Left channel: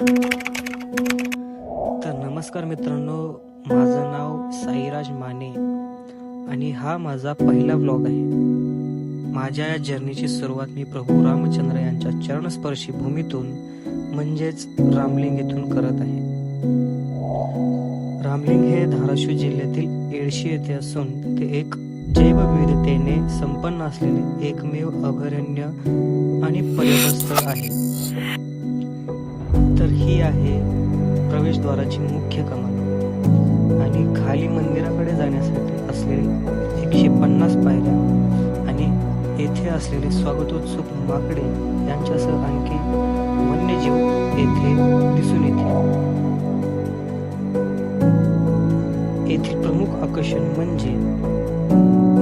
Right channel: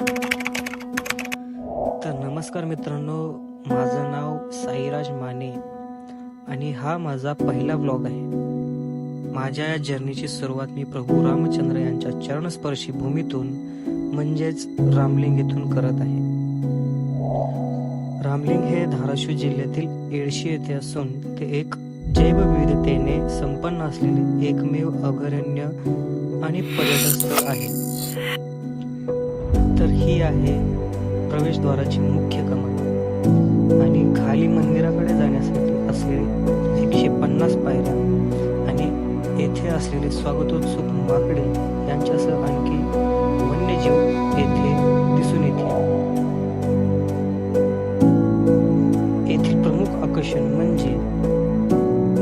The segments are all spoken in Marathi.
तर नमस्कार मित्रांनो, माझं नाव साईराज माने आणि हा माझा पहिला व्लॉग आहे. माझ्या या जर्नीची सुरुवात मी प्रभू रामचंद्र यांच्या चरणस्पर्शी भूमीतून म्हणजेच रामलिंग येथून करत आहे. रामलिंग हे धाराशिव जिल्ह्यातील येडशी येथे असून ते एक जैवविविधतेने संपन्न असलेले एकमेव अभयारण्य आणि पर्यटन स्थळ आहे. तर ही आहे प्रवेशद्वाराची मुख्य कमान आणि खाली मंदिराकडे जाण्यासाठी असलेले 150 पायऱ्या आणि येथे असलेले स्वागतोत्सुक माकडे यांच्यासह आणखी वन्यजीव येथे दिसून येतील. येथील प्रमुख आकर्षण म्हणजे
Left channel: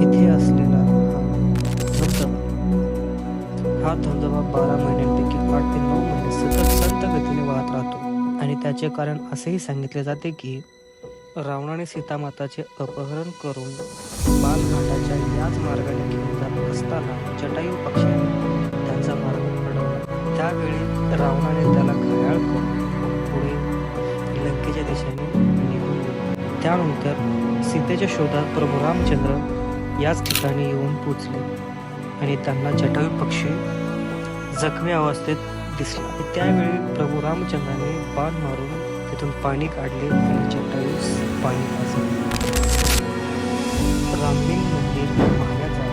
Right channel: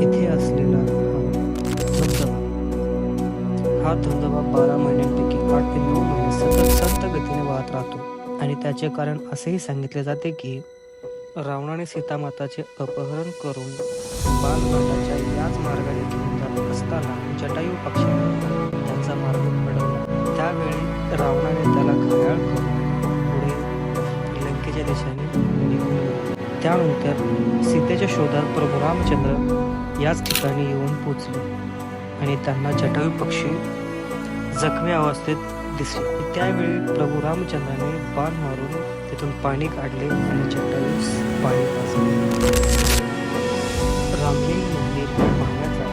येथे असलेला हा धबधबा 12 महिन्यांपैकी 8 ते 9 महिने सतत संत गतीने वाहत राहतो आणि त्याचे कारण असेही सांगितले जाते की रावणाने सीतामाताचे अपहरण करून बालघाटाच्या याच मार्गाने घेऊन जात असताना जटायू पक्षाने त्यांचा मार्ग अडवला. त्यावेळी रावणाने त्याला घायाळ करून पुढे लंकेच्या दिशेने निघून गेला. त्यानंतर सीतेच्या शोधात प्रभू रामचंद्र याच ठिकाणी येऊन पोचले आणि त्यांना जटायू पक्षी जखमी अवस्थेत दिसला. त्यावेळी प्रभू रामचंद्राने बाण मारून तिथून पाणी काढले आणि जटायूस पाणी पाजले. रामलिंग मंदिर पाहण्याचा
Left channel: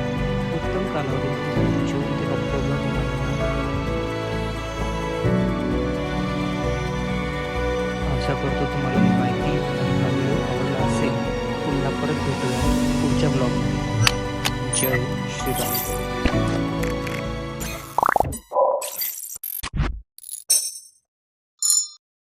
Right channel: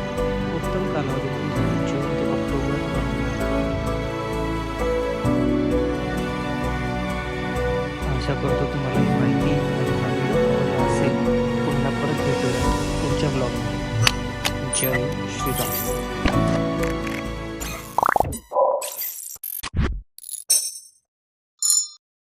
उत्तम कालावधी म्हणजे जून ते ऑक्टोबर महिना. आशा करतो तुम्हाला ही माहिती आणि हा व्हिडिओ आवडला असेल. पुन्हा परत भेटूया पुढच्या ब्लॉगमध्ये. जय श्रीराम.